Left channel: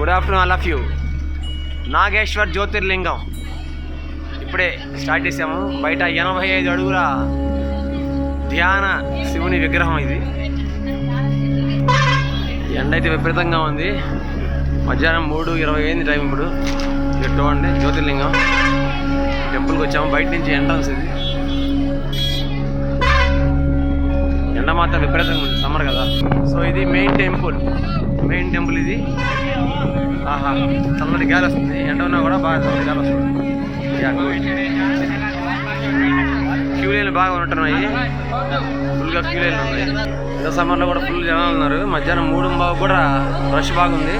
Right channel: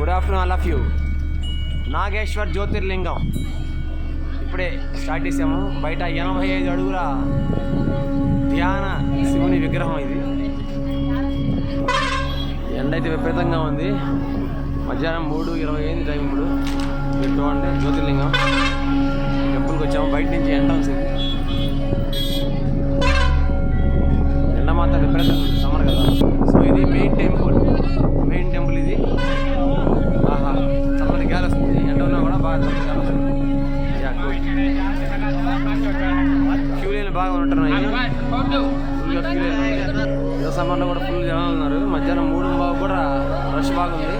Good afternoon all of you. Nageshwar జ్యోతిర్లింగం ఇప్పుడే start చేసాము. బయట 85 అడుగుల ధ్యాన శివుని విగ్రహం ఇది. ఎండ అయితే విపరీతంగా ఉంది. మధ్యాహ్నం 3:20 అయింది టైం. ఇప్పుడు మీరు చూడండి జ్యోతిర్లింగం టెంపుల్కి వచ్చాము. బయట నుంచి ఎంట్రన్స్ ఇది. ఎండ మాత్రం విపరీతంగా ఉంది, సమ్మర్ కదా. సో ఇది మెయిన్ టెంపుల్ ఇది. ఆహా, చల్లటి గాలి వస్తుంది. ఎండ ఉన్నా కూడా బాగా చల్లటి గాలి వస్తుంది. క్యూ లైన్లు బాగా ఉంటున్నాయి, ఫుల్గా క్యూ లైన్లు ఉన్నాయి. ఏదో సమ్మర్లో కూడా ఫుల్ జనాలు ఉన్నారు. మధ్యాహ్నం 3:15 కూడా రష్ బాగుంది.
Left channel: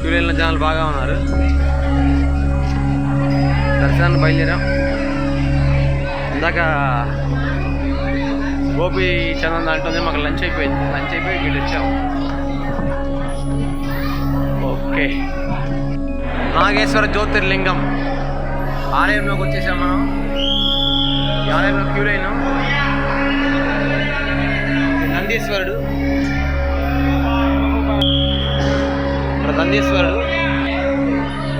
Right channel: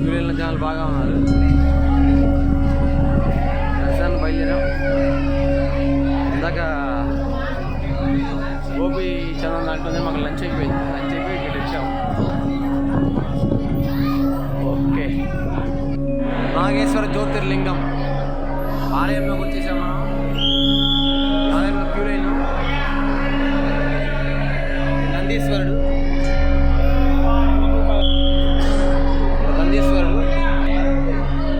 క్యూ లైన్లో జనాలు బాగా ఉన్నారు. దర్శనాన్ని బయలుదేరాం. ఇందాక గోపి చందన్ దాంట్లోనే మాకు లంచ్ అయిపోయి ఇటు వచ్చాము. ఓకే, నాగేశ్వర జ్యోతిర్లింగం ఆలయంలోకి వచ్చేసాం మనం. ఈ ఆలయంలో క్యూ లైన్. నందీశ్వరుడు, ఇక్కడ నందీశ్వరుడు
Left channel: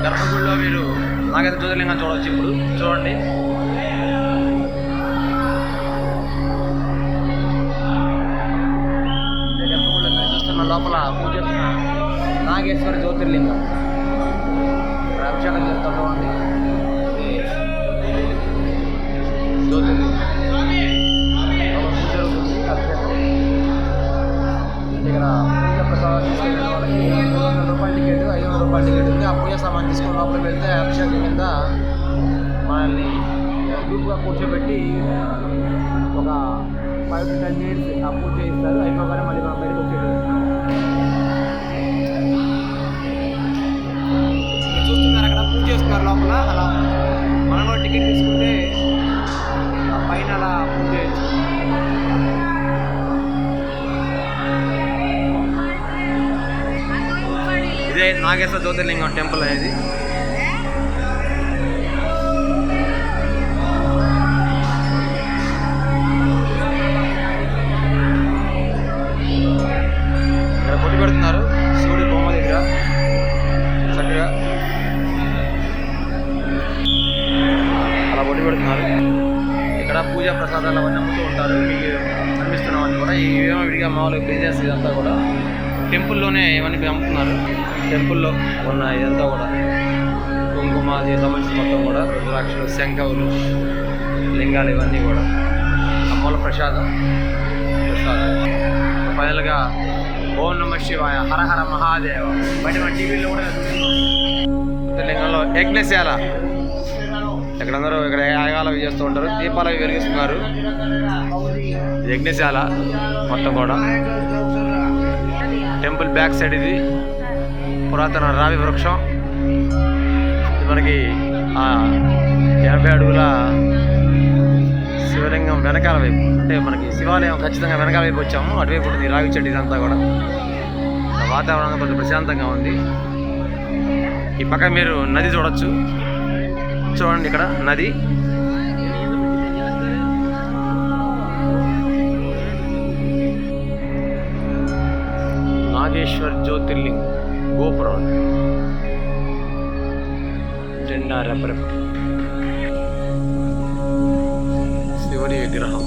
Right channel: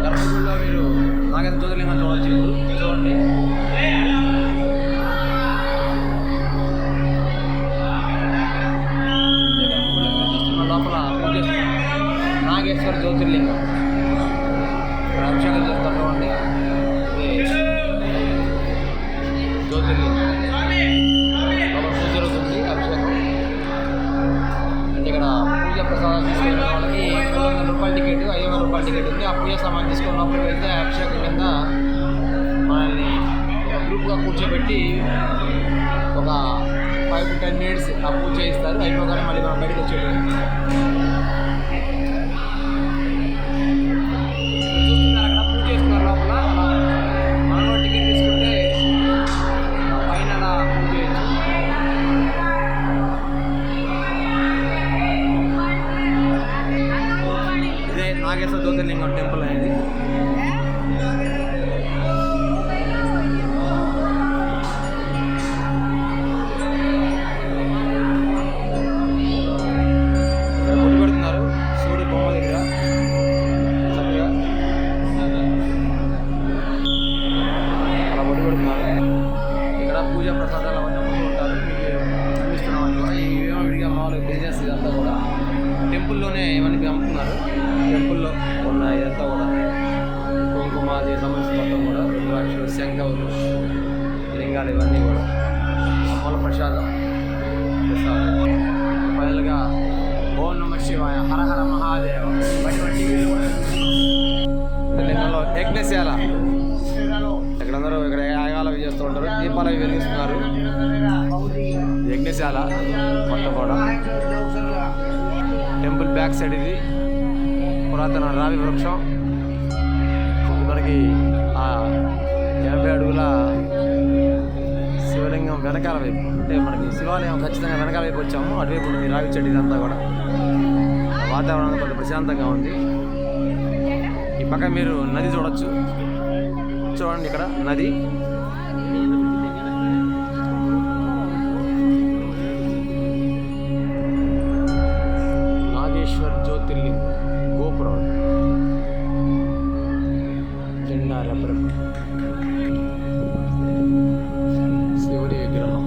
గర్భగుడిలో మీరు నాగేశ్వర జ్యోతిర్లింగం చూడవచ్చు. ఇప్పుడు చూడండి. లోపల పూజ చేస్తున్న నాగేశ్వర జ్యోతిర్లింగం. ఇక్కడ అభిషేకం చేస్తామండి. జ్యోతిర్లింగం లోపల పూజ జరుగుతుంది, అభిషేకం. అంటే ఇక్కడ పూజ ప్రసాదాలు తీసుకెళ్ళిన వాళ్ళకి 300 రూపాయల టికెట్, 500 రూపాయల టికెట్ ఉంది. ఆ పూజ సామాన్ తీసుకొని లోపలికి వెళ్తే అభిషేకం కింద మనల్ని గ్రూప్గా కూర్చోబెట్టి ఒక 5 to 10 minutes ఆ పూజ చేయిస్తారు. అయిపోగానే మళ్ళీ మనం బయటకు వచ్చేది. చూస్తున్నారు అక్కడ పూజ చేస్తున్నారు లోపల. అలా మనం కూడా టికెట్ తీసుకుంటే ఆ పైన అలా పూజ చేయొచ్చు. ఇదే నాగేశ్వర జ్యోతిర్లింగం టెంపుల్ అనేది. బొట్టు పెడుతున్నారు శివుడి బొమ్మ దగ్గర చక్కగా అలా బొట్టు పెడుతున్నారు. ఇక్కడ పూజా ప్రసాదాలు అవన్నీ అమ్ముతూ ఉంటారు. మీకు అనిపిస్తున్నామని కూడా ఇవేమో విడిగా మామూలుగా బిజినెస్ ఇదంతా కూడా టెంపుల్లోనే ఇవన్నీ అమ్ముతున్నారు. టెంపుల్లో ఉన్న ఇదంతా కూడా కుంకుమ అది సంబంధించిన మొత్తం కూడా రుద్రాక్షలు, శంఖవులు, లింగాలు ఇవన్నీ కూడా అమ్మల ప్రసాదం. ఫైనల్గా ఓం నమః శివాయ, హర హర మహాదేవ. బయట మన టీవీలో కూడా లింగంలో యజ్ఞశాల. ఇక్కడ అందరూ ఇక్కడ యాగాలు చేస్తూ ఉంటారు, దీపాలు వెలిగిస్తున్నారు. యజ్ఞశాల మొత్తం కూడా. టెంపుల్ బ్యాక్ సైడ్ ఇది పురాతన రావి వృక్షం. ఇది మనకి 80 అడుగుల శివలింగం వెనకాల వైపు, అంటే మనకి శివాలయం ఖచ్చితంగా వెనకాల వైపు వచ్చాము. అటువైపు ఉంటుంది రావి చెట్టు. ఇదంతా కూడా వాతావరణం కొంచెం ప్రశాంతంగా ఉంది. ఈ పక్క మీరు నది చూడొచ్చు. చూడండి ఇక్కడ నది. నాగేశ్వర్ జ్యోతిర్లింగ్ గోపురం, జెండా రెపరెప, శివుని విగ్రహం.